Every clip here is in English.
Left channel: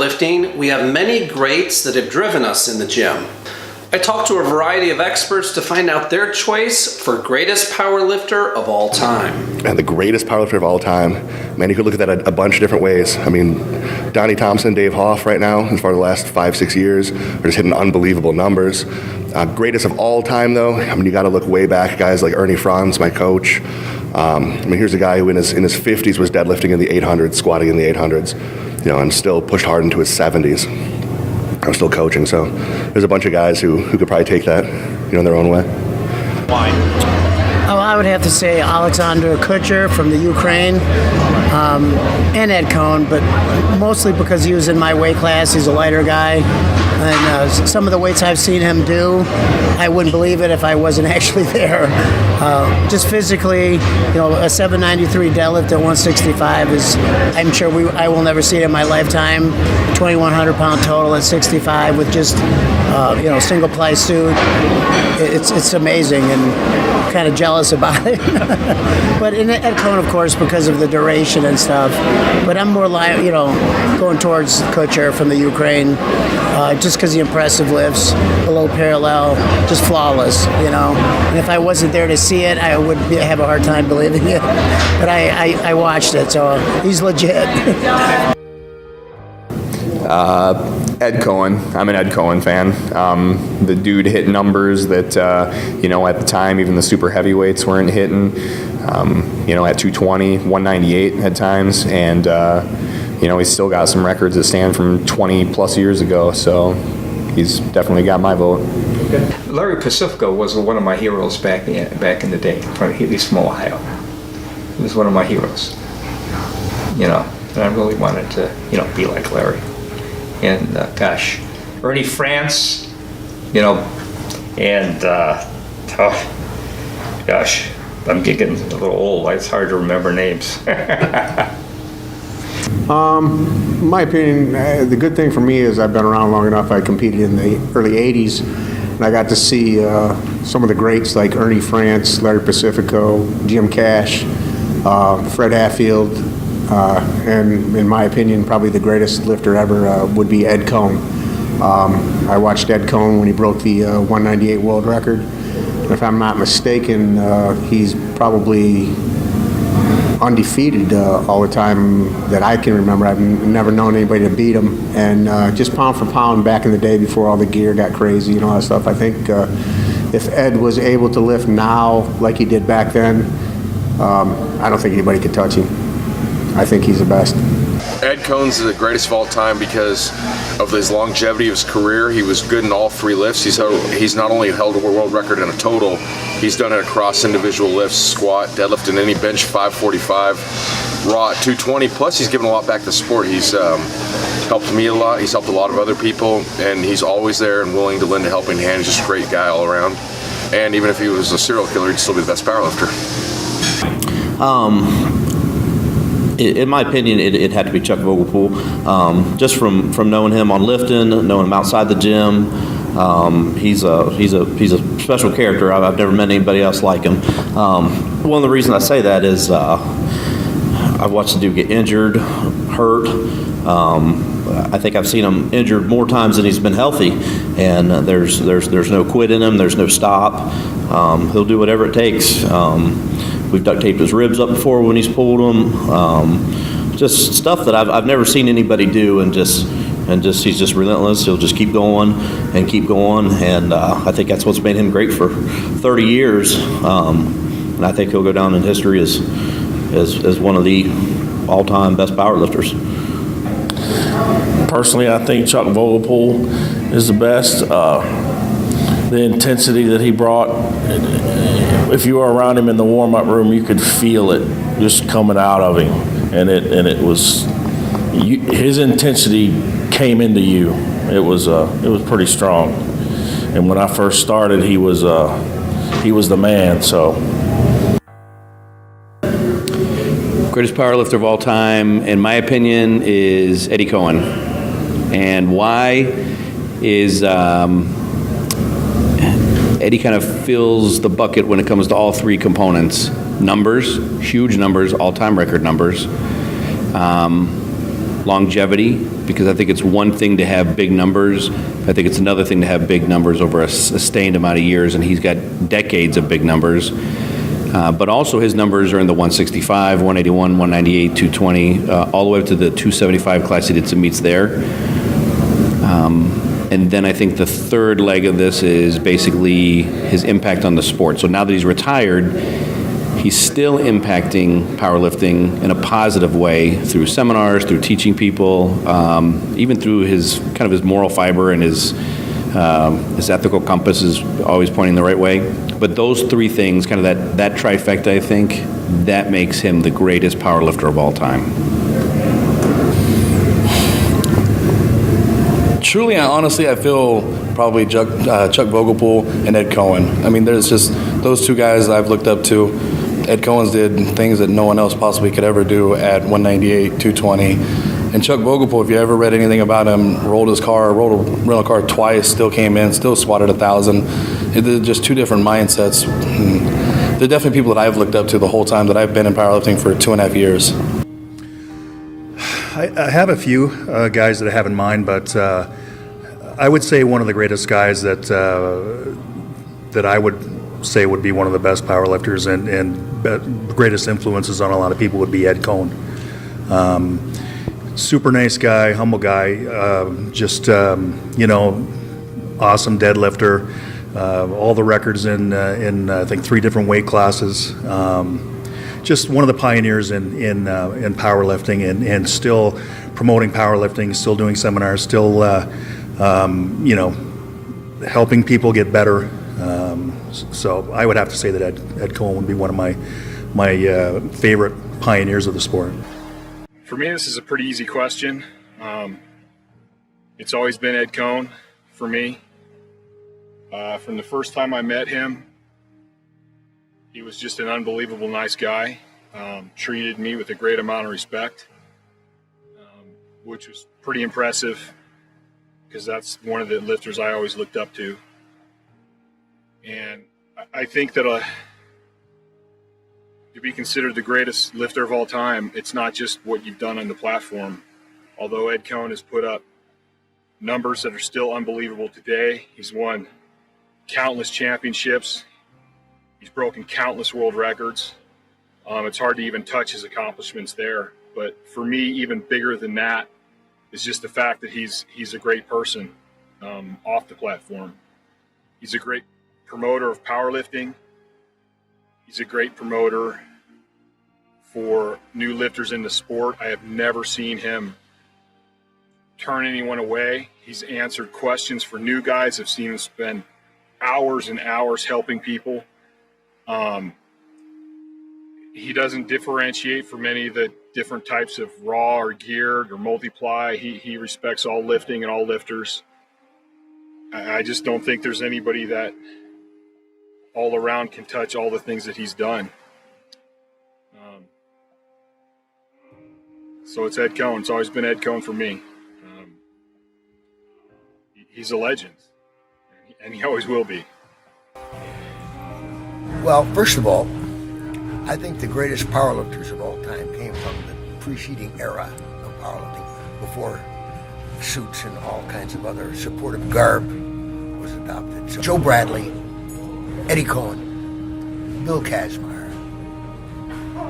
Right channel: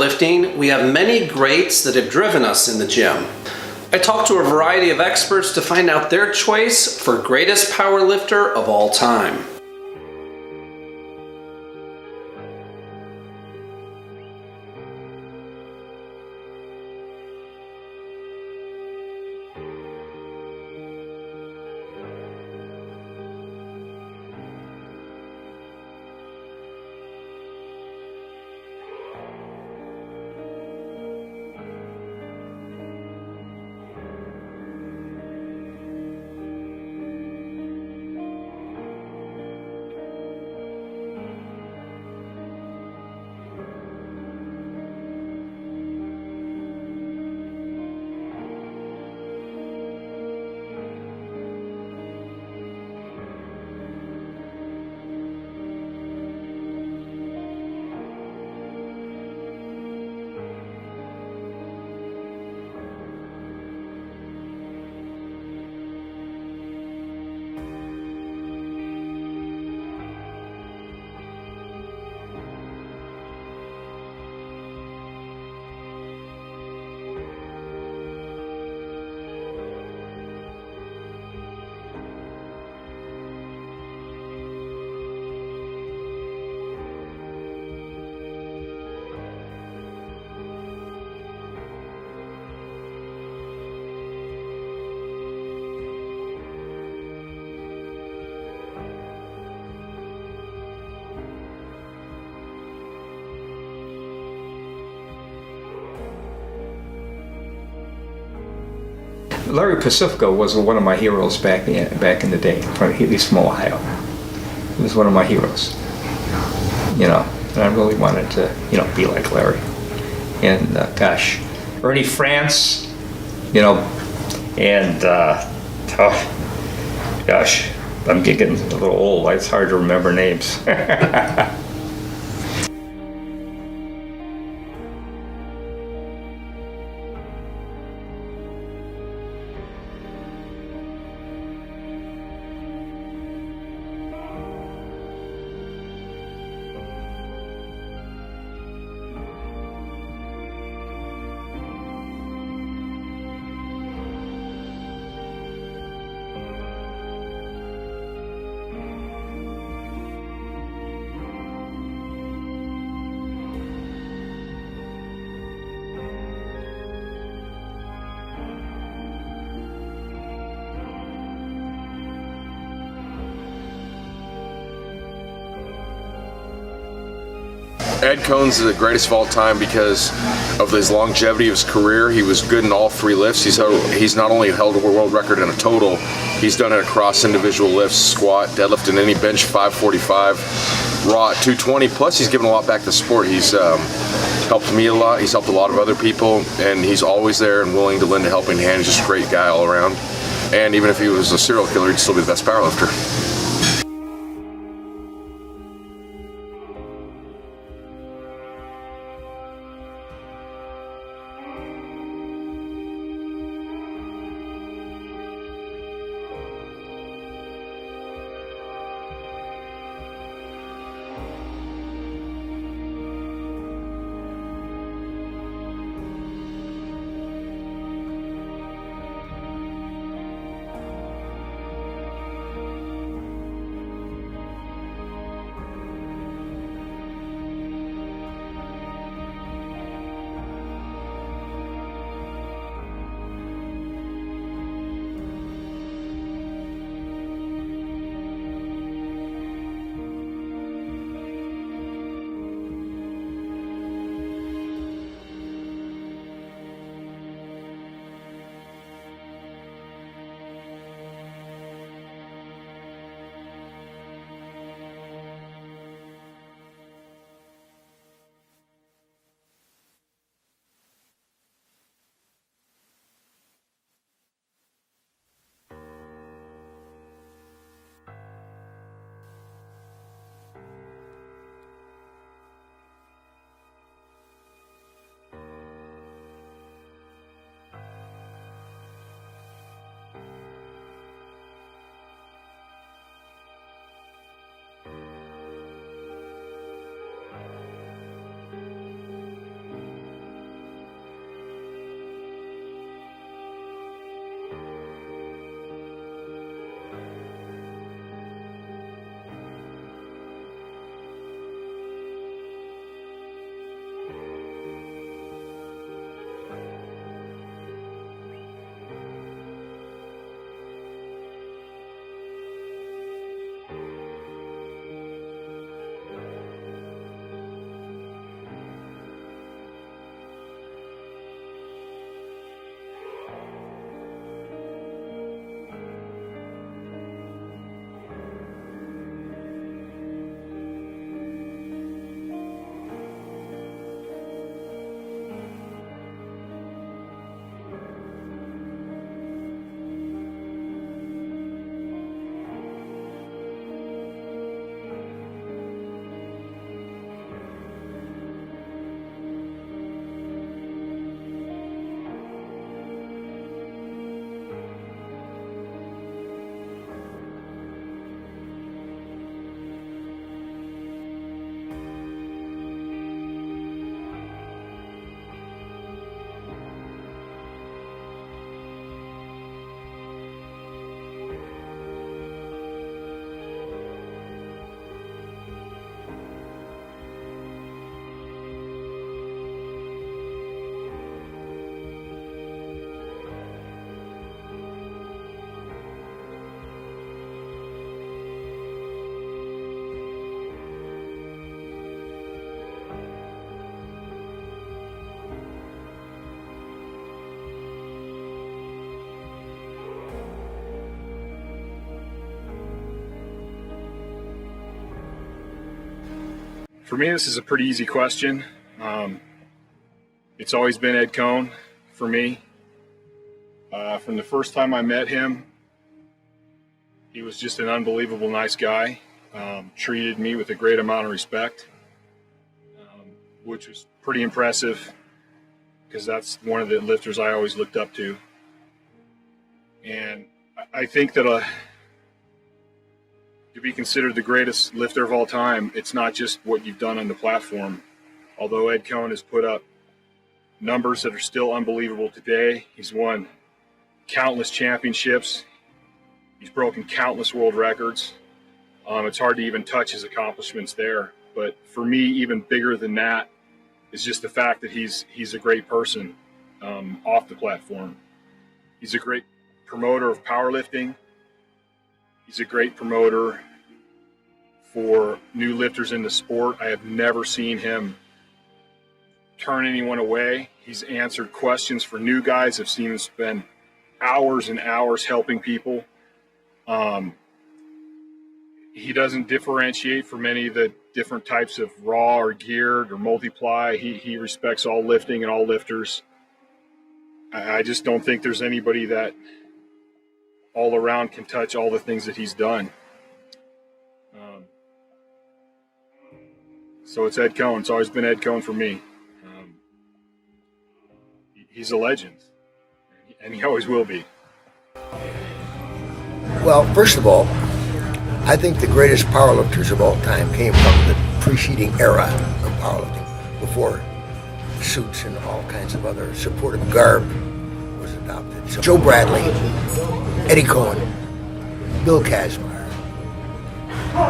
powerlifting, we have many greats that have driven us in the gym. I talked to a variety of experts to find out their choice for greatest powerlifter of all time. And the greatest powerlifter of all time, man, you could look at that a bunch of different ways. I mean, Donnie Thompson, Dave Hoff right now, as far as the last 5-6 years, are just hitting unbelievable numbers. Greatest of all time, though, I mean, you got to look way back. Guys like Ernie Franz, my coach. I mean, here's a guy who in his 50s was deadlifting in the 800s, squatting in the 800s, and still pushed hard into his 70s. I'm still coaching, so there's a bunch of guys who could probably take that, in their own way. Why? Oh, I would have to say Alexander Kutcher from the Ukraine, and Ed Coan, but mostly because he was in my weight class. He's a lighter guy, and some of the weights I've seen him do, I wouldn't believe it if I wasn't actually there. Just physically, a 793 deadlift at 165 is, I'm sure I will never see it in my lifetime. 2,100 pound total at 65 with just, single ply suit. It's amazing, and kind of jealous about it. But Ed Coan, of course, because of the duration and stuff. But I'm more going towards Kutcher from the Ukraine, just because the impressive lifts, below parallel, just flawless, And if I wasn't there to see it, I would have a hard time believing it. But I watched it, so he's legit. Ed Coan. I'm an Ed Coan fan. The dude hit numbers that, at the time, even the super heavyweights weren't hitting, at 220, 198 at times. And, he's still got some records that stand from 20 plus years ago. So he's definitely got my vote. Larry Pacifico was one of my heroes back in the day, at least from Ohio. He was one of my heroes, and I really wanted to, be like Larry. And Ernie France, and I'm getting a little old. It's hard to remember names. In my opinion, the good thing for me is I've been around long enough. I competed in the early 80s, and I got to see some of the greats like Ernie France, Larry Pacifico, Jim Cash, Fred Hatfield, and in my opinion, probably the greatest lifter ever would be Ed Coan. I watched Ed Coan when he broke the 198 world record. And if I'm not mistaken, he's probably undefeated all the time that I can remember. I've never known anybody to beat him. And just pound for pound back in the day before all the gear got crazy and all that stuff, I think if Ed was able to lift now like he did back then, I don't think anybody could touch him. I think he's the best. Ed Coan's the greatest of all time because of his longevity of his career. He was good in all three lifts. He's not only held a world record in a total, he's done it across individual lifts, squat, deadlift, and any bench 545, raw at 220. Plus, he's given a lot back to the sport. He's helped me a lot. He's helped a lot of other people, and he's always there and willing to lend a helping hand. He's just a great guy all around. And even if he was a serial killer, he'd still be the best powerlifter. In my opinion, it had to be Chuck Vogelpohl. Just from knowing him on lifting, knowing him outside the gym, he's a special character. I've never met anybody else like him. One of the reasons I say that is I've watched the dude get injured, hurt. I think I've seen him injured more times than he's been healthy, and there's no quit in him. There's no stop. He'll do whatever it takes. We've duct taped his ribs up before when he's pulled them. Just stuff that I've never seen anybody do, and he's just relentless. He'll just keep going, and I think that's what's made him great for 30 years. And I think he'll go down in history as one of the all-time best powerlifters. Personally, I think Chuck Vogelpohl is the best. The intensity that he brought, if you were around him in the warm-up room, you could feel it just coming out of him, and it was his intensity came into you. It was pretty strong, and when I first started, he was the man. So, greatest powerlifter of all time, in my opinion, is Ed Coan, and why is Eddie kind of fills the bucket when it comes to all three components. Numbers, huge numbers, all-time record numbers. Longevity, because I think it's one thing to have big numbers. I think it's another thing to have big numbers over a sustained amount of years, and he's got decades of big numbers. But also his numbers are in the 165, 181, 198, 220, all the way up to the 275 class. He did some meets there. And then I think the third leg of this is basically his impact on the sport. So now that he's retired, he's still impacting powerlifting in a positive way through seminars, through teaching people, even through his kind of his moral fiber and his ethical compass is always pointing the right way. But those three things, kind of that trifecta, I think, that makes him the greatest powerlifter of all time. Truly and honestly, I feel probably Chuck Vogelpohl and Ed Coan. I mean, there's just those two guys I've looked up to. Ed Coan's did things that no one else possibly could ever do at 198, 220. And Chuck Vogelpohl, if you ever read anything about him, rolled a rental car twice, still came in, still swatted 1,000. They're just two different mindsets. They're definitely people that I've looked up to the whole time that I've been in powerlifting for 2.5 years. I have a few guys that I have in mind, but I would say one of the greatest guys that I would say would be one of the best powerlifters and greatest influences on a lot of people would be Ed Coan. Super nice guy, humble guy, awesome deadlifter, all the records in I think 3 different weight classes. Just one of the pioneers in powerlifting and still promoting powerlifting, still doing seminars, still helping people get better. So I would have to say that Ed Coan would be one of my favorite pioneers of the sport. For me, this is a pretty easy question. It's always been Ed Coan for me. From the first time I met him, he was just an unbelievable nice guy. Treated me with a great amount of respect, which was pretty impressive because that's one of the lifters I always looked up to. And I think that to be considered the greatest lifter of all time, it's not just what you've done on the platform. Although Ed Coan has put up numbers that are still unbelievable today, he's won countless championships. He's broken countless world records. It's hard to even touch his accomplishments there. But for me, even bigger than that is just the fact that he's a great person off the platform. He's a great promoter of powerlifting. He's a great promoter for new lifters in the sport. I have never seen him turn anyone away. He's answered questions for new guys. I've seen him spend hours and hours helping people. He doesn't differentiate from any of the different types of raw or geared or multiply. He respects all lifting and all lifters. I just don't think there's anybody that all around can touch all the things that he's done. So it's Ed Coan. It's always been Ed Coan for me. He's a legend, and he always will be. Well, first of all, I think the greatest powerlifters of all time came from the preceding era of powerlifting, before suits and all kinds of other supportive garb was adopted. So Joe Bradley, Eddie Coan, Bill Kazmaier.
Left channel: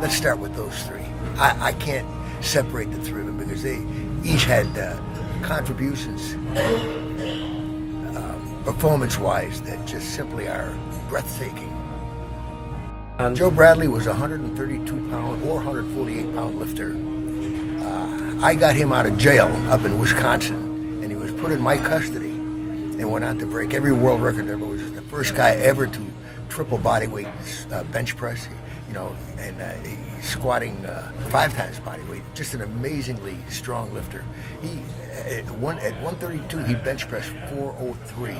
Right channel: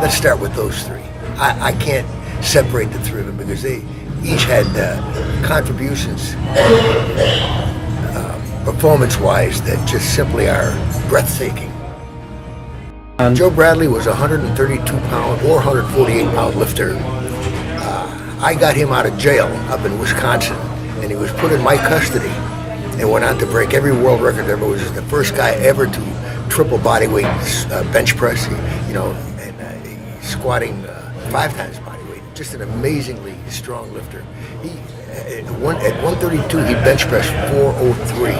Let's start with those three. I can't separate the three of them because they each had contributions performance-wise that just simply are breathtaking. Joe Bradley was a 132-pound or 148-pound lifter. I got him out of jail up in Wisconsin, and he was put in my custody and went on to break every world record ever. Was the first guy ever to triple bodyweight bench press, he's squatting 5 times bodyweight. Just an amazingly strong lifter. At 132, he bench pressed 403.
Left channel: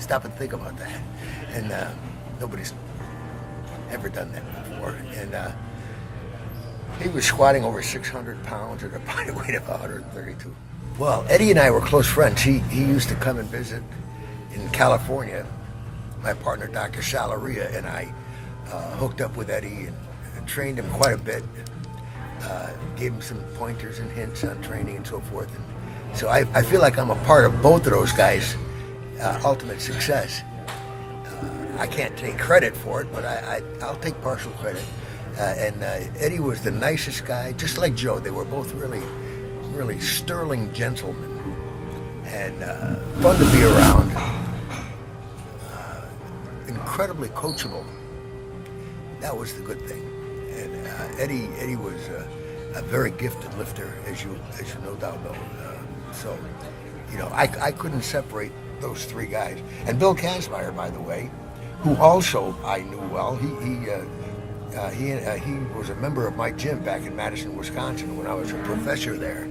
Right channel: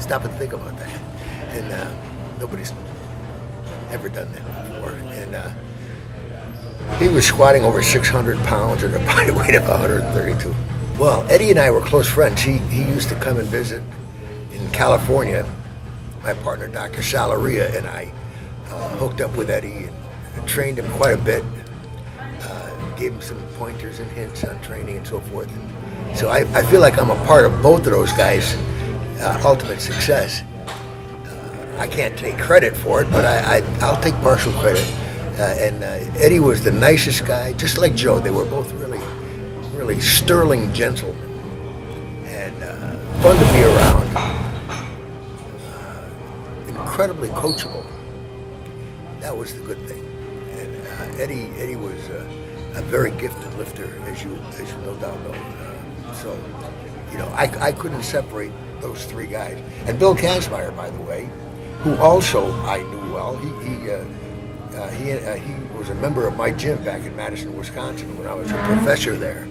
Stop and think about that. And nobody's ever done that before. And he was squatting over 600 pounds at a body weight of 132. Well, Eddie and I were close friends. He used to come and visit in California. My partner, Dr. Salaria, and I hooked up with Eddie and trained him quite a bit. gave him some pointers and hints on training and so forth. And so I feel like I'm a part of both of those guys' ultimate success. I can't take credit for it, but I'll take partial credit. And Eddie was the nicest guy, just like Joe. They were both really sterling gentlemen, and fun to be around. Incredibly coachable. That was the good thing. And Eddie was a very gifted lifter, as you no doubt know. So, you know, I couldn't separate those three guys. And Bill Kansmeyer, by the way, who also I knew well. He was a member of my gym back in Madison, Wisconsin, when I was a professor there,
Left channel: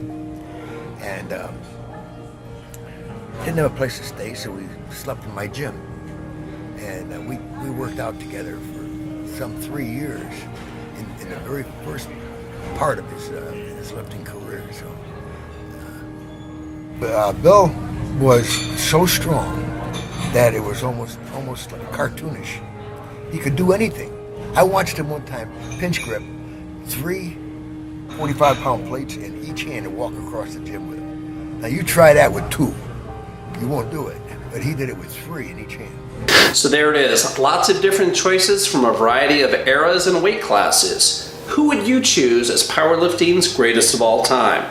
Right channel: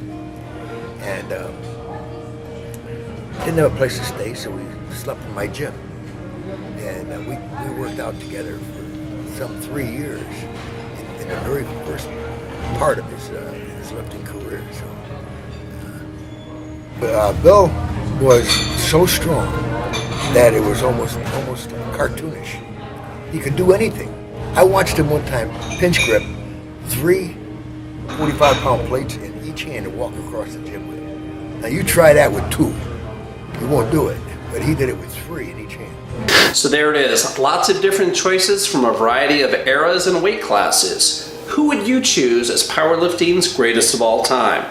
and didn't have a place to stay, so we slept in my gym, and we worked out together for some 3 years in the very first part of his lifting career. So, Bill was so strong that it was almost like cartoonish. He could do anything. I watched him one time pinch grip 3 45-pound plates in each hand and walk across the gym with them. Now you try that with 2, you won't do it. But he did it with 3 in each hand. So there it is, lots of different choices from a variety of eras and weight classes. Who would you choose as powerlifting's greatest of all time?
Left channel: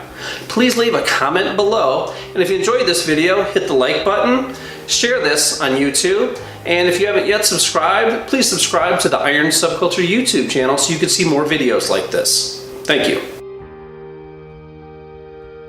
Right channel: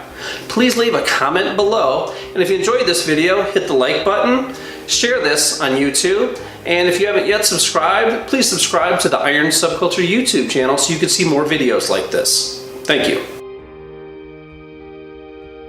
Please leave a comment below, and if you enjoyed this video, hit the like button, share this on YouTube, and if you haven't yet subscribed, please subscribe to the Iron Subculture YouTube channel so you can see more videos like this. Thank you.